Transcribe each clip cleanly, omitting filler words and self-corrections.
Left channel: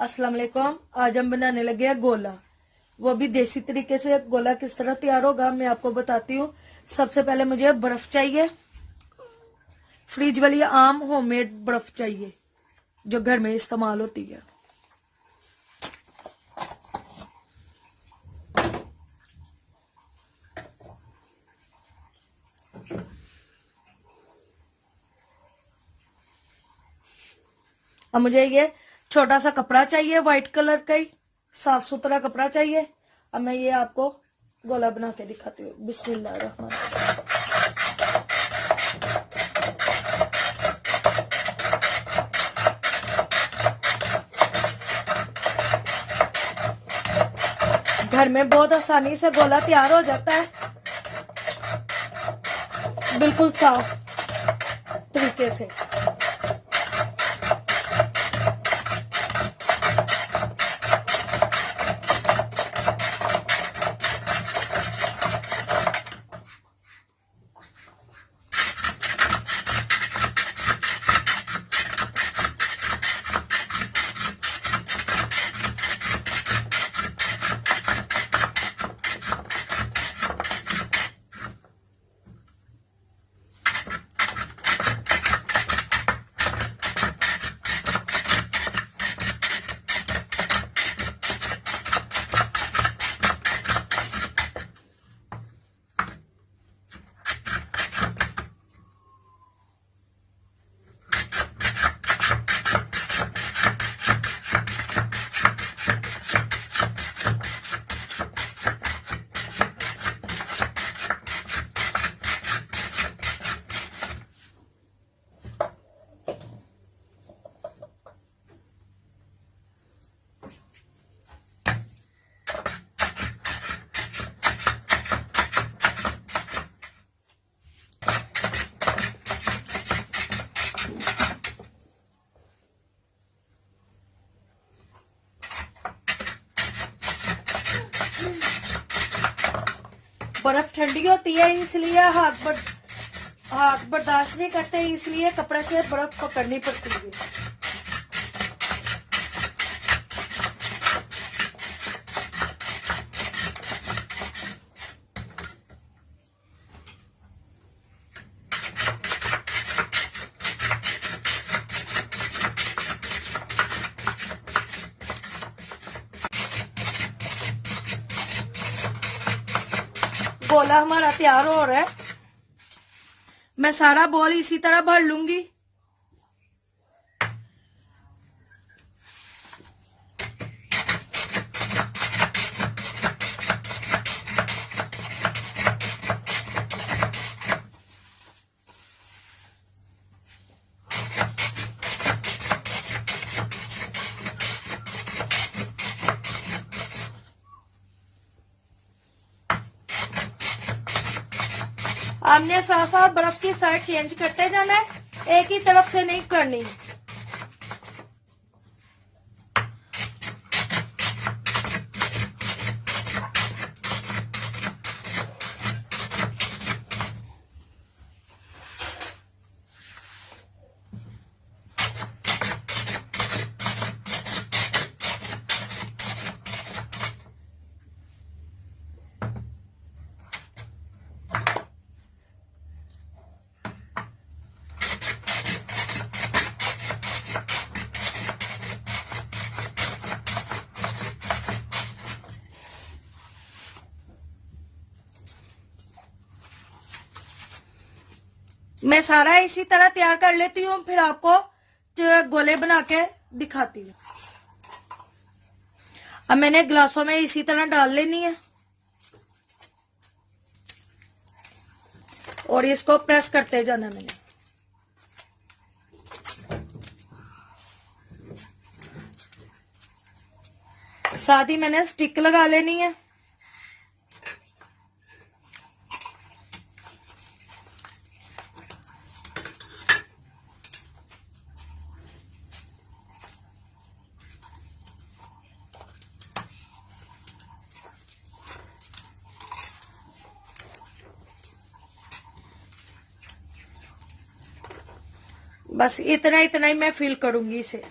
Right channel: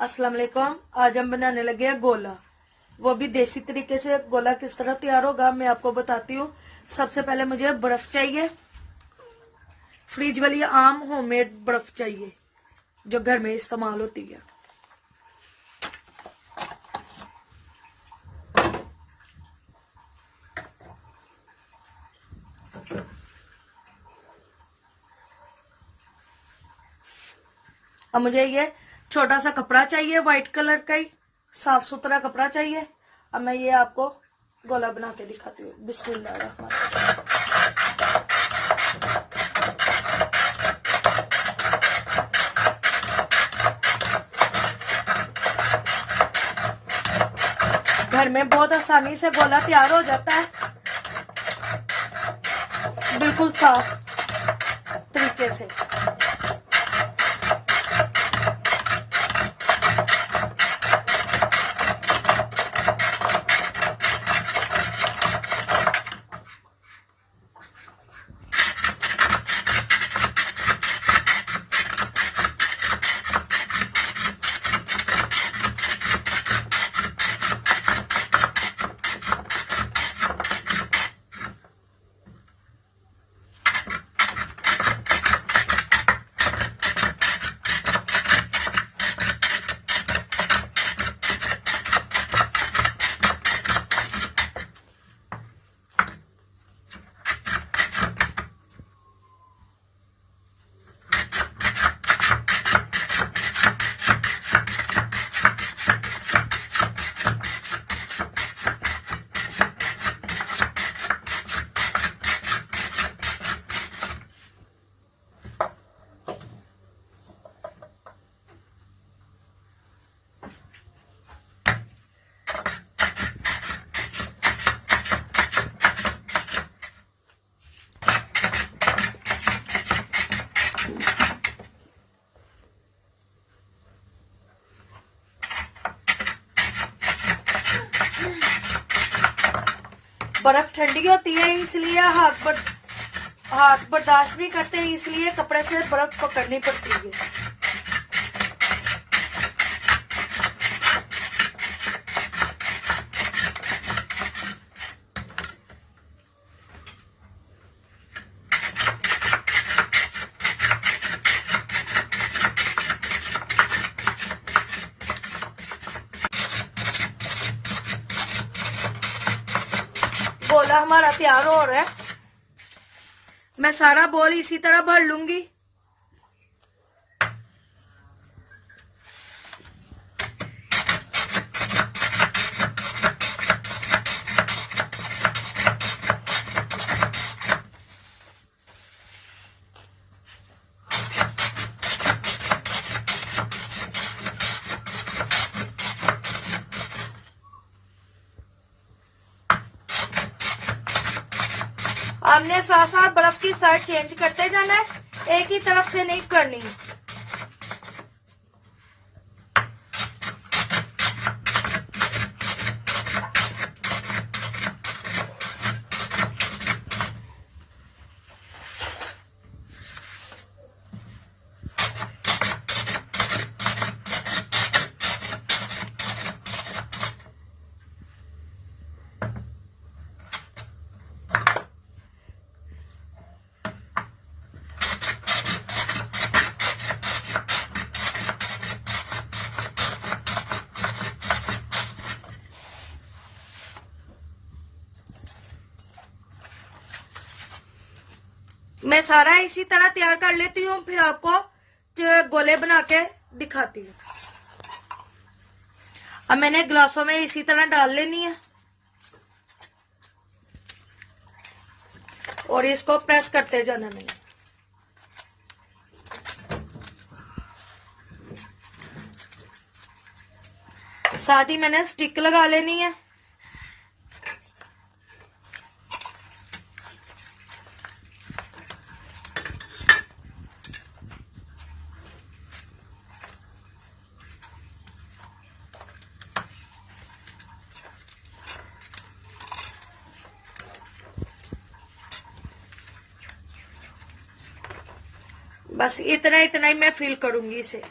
अस्सलाम वालेकुम। आज हम बनाने लगे हैं गोला, वो भी देसी तरीके से। गोला किस तरह तैयार होगा मैं आपको बताती हूँ। सबसे पहले मुझे बर्फ चाहिए, फ्रिज वाली आम होममेड बर्फ चाहिए जो घर में इस्तेमाल होती है। अब मुझे ये छोटा सा कपड़ा चाहिए, व्हाइट कलर का ही साफ सुथरा कपड़ा चाहिए। अब मैं ये आपको गोला बना के दिखाती हूँ। बिस्मिल्लाह रहमान। घर में बहुत आसानी से गोला तैयार हो जाता है, बिल्कुल साफ तरीके से। बर्फ ठंडी होती है इसलिए हाथ बर्दाश्त नहीं करते, इसलिए कपड़े से बर्फ पकड़नी पड़ती है। गोला हमारा तैयार हो रहा है। मैं सारा बॉल इसी तरह भर लूंगी। हमने साथ साथ बर्फ की साइड चेंज करते जाना है, एक ही तरफ से नहीं करनी। मैं सारा इसी तरह तैयार कर लेती हूँ, फिर आपको गोले बना के दिखाती हूँ। अब मैंने ग्लासों में इसी तरह डाल लेनी है और इसको प्रेस करते जाना। मैंने साथ ही मैंने स्टिक लगा लेनी है। बस इतना इतना ही मैं फिल करूंगी इसे।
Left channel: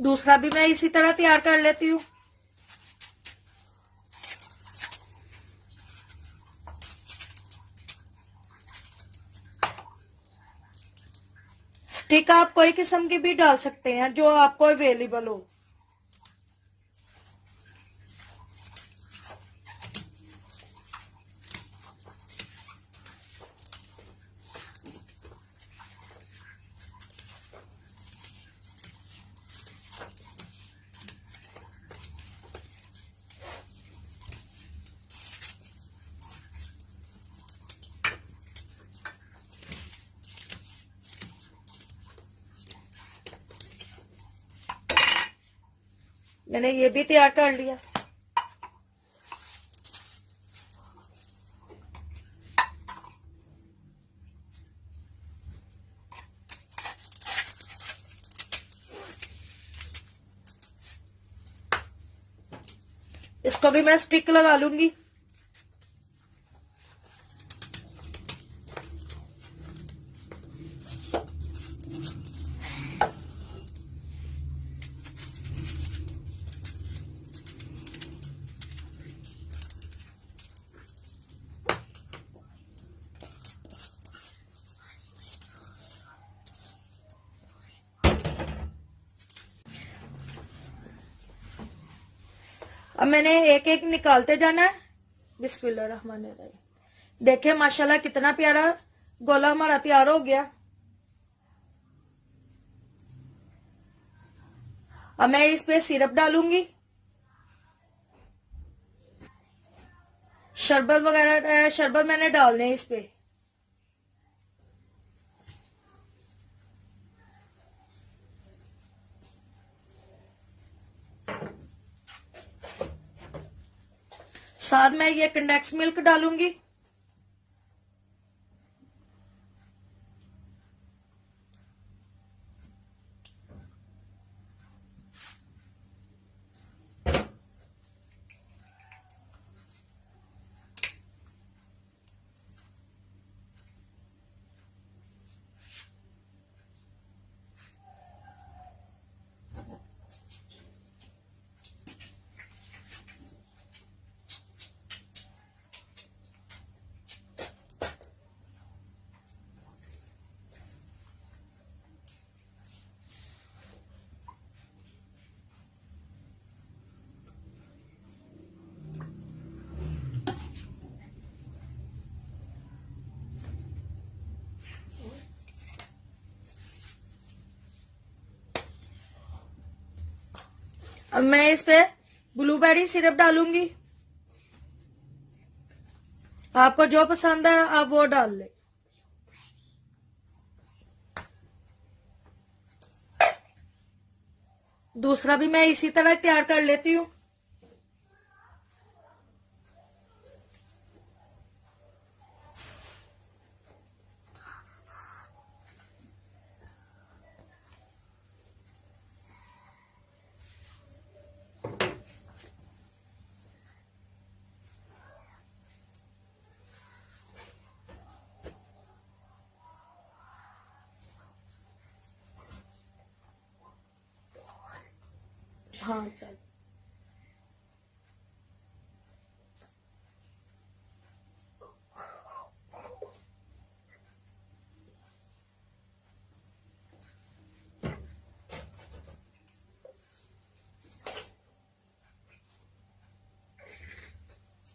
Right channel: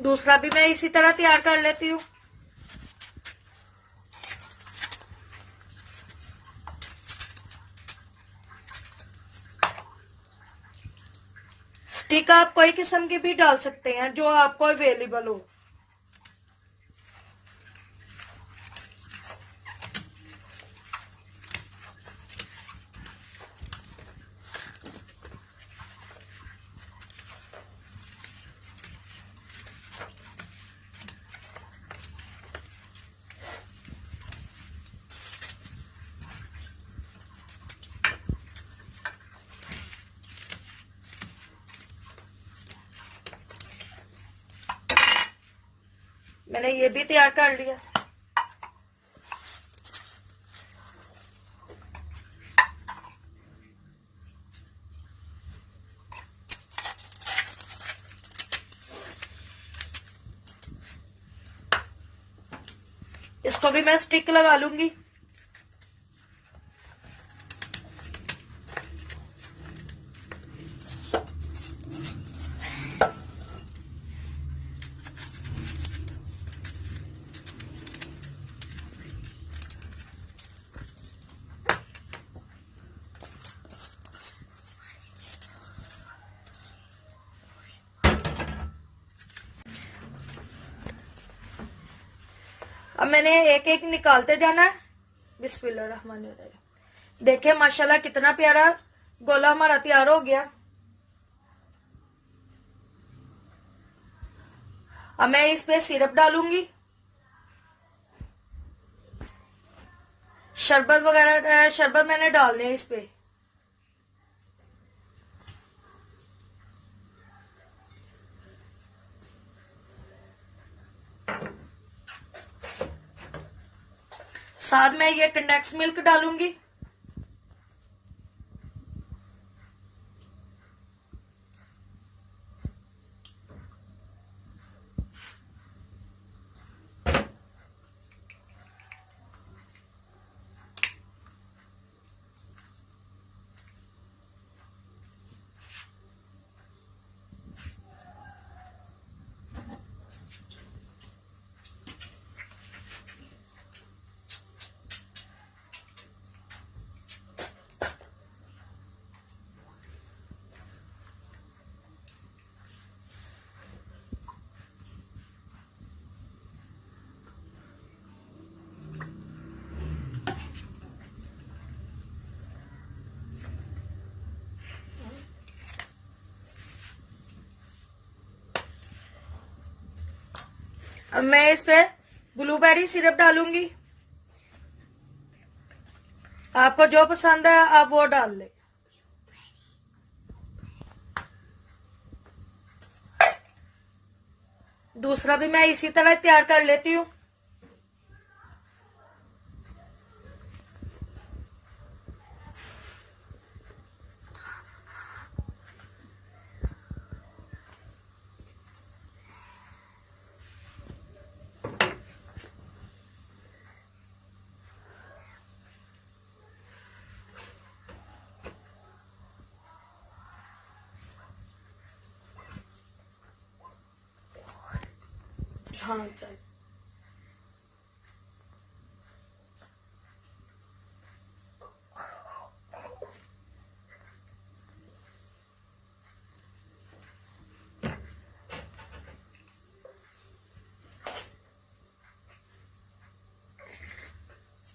दूसरा भी मैं इसी तरह तैयार कर लेती हूँ। स्टिक आप कोई किस्म की भी डाल सकते हैं जो आपको अवेलेबल हो। मैंने ये भी तैयार कर लिया। इसको भी मैं स्टिक लगा लूंगी। अब मैंने एक एक निकालते जाना है। बिस्मिल्लाहिर्रहमानिर्रहीम। देखिए माशाल्लाह कितना प्यारा गोला हमारा तैयार हो गया। अब मैं इस पे सिरप डालूंगी। शरबत वगैरह शरबत मैंने डालने हैं इस पे। साथ में ये कंडेंस मिल्क डालूंगी। अब मैं इस पे ब्लूबेरी सिरप डालूंगी। आपको जो पसंद है आप वो डाल ले। दूसरा भी मैं इसी तरह तैयार कर लेती हूँ। हाँ चल।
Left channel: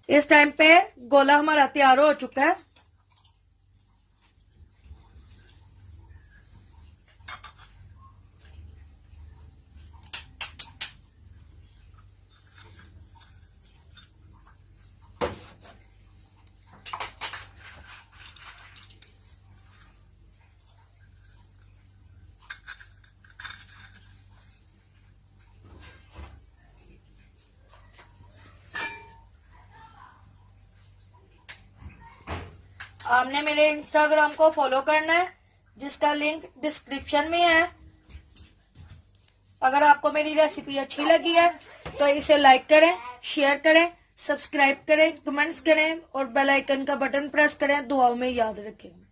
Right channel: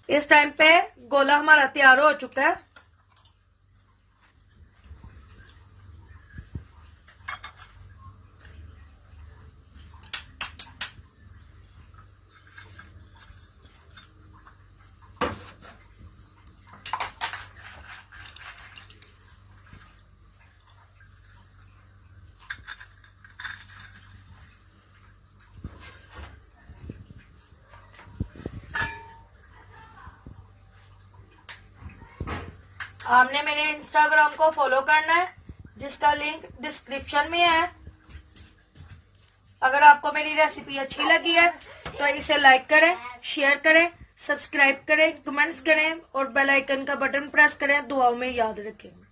इस टाइम पे गोला हमारा तैयार हो चुका है। आपने मेरे इंस्टाग्राम को फॉलो करना है जिसका लिंक डिस्क्रिप्शन में है। अगर आपको मेरी रेसिपी अच्छी लगी है तो इसे लाइक करें, शेयर करें, सब्सक्राइब करें, कमेंट्स करें और बेल आइकन का बटन प्रेस करें। दुआओं में याद रखें।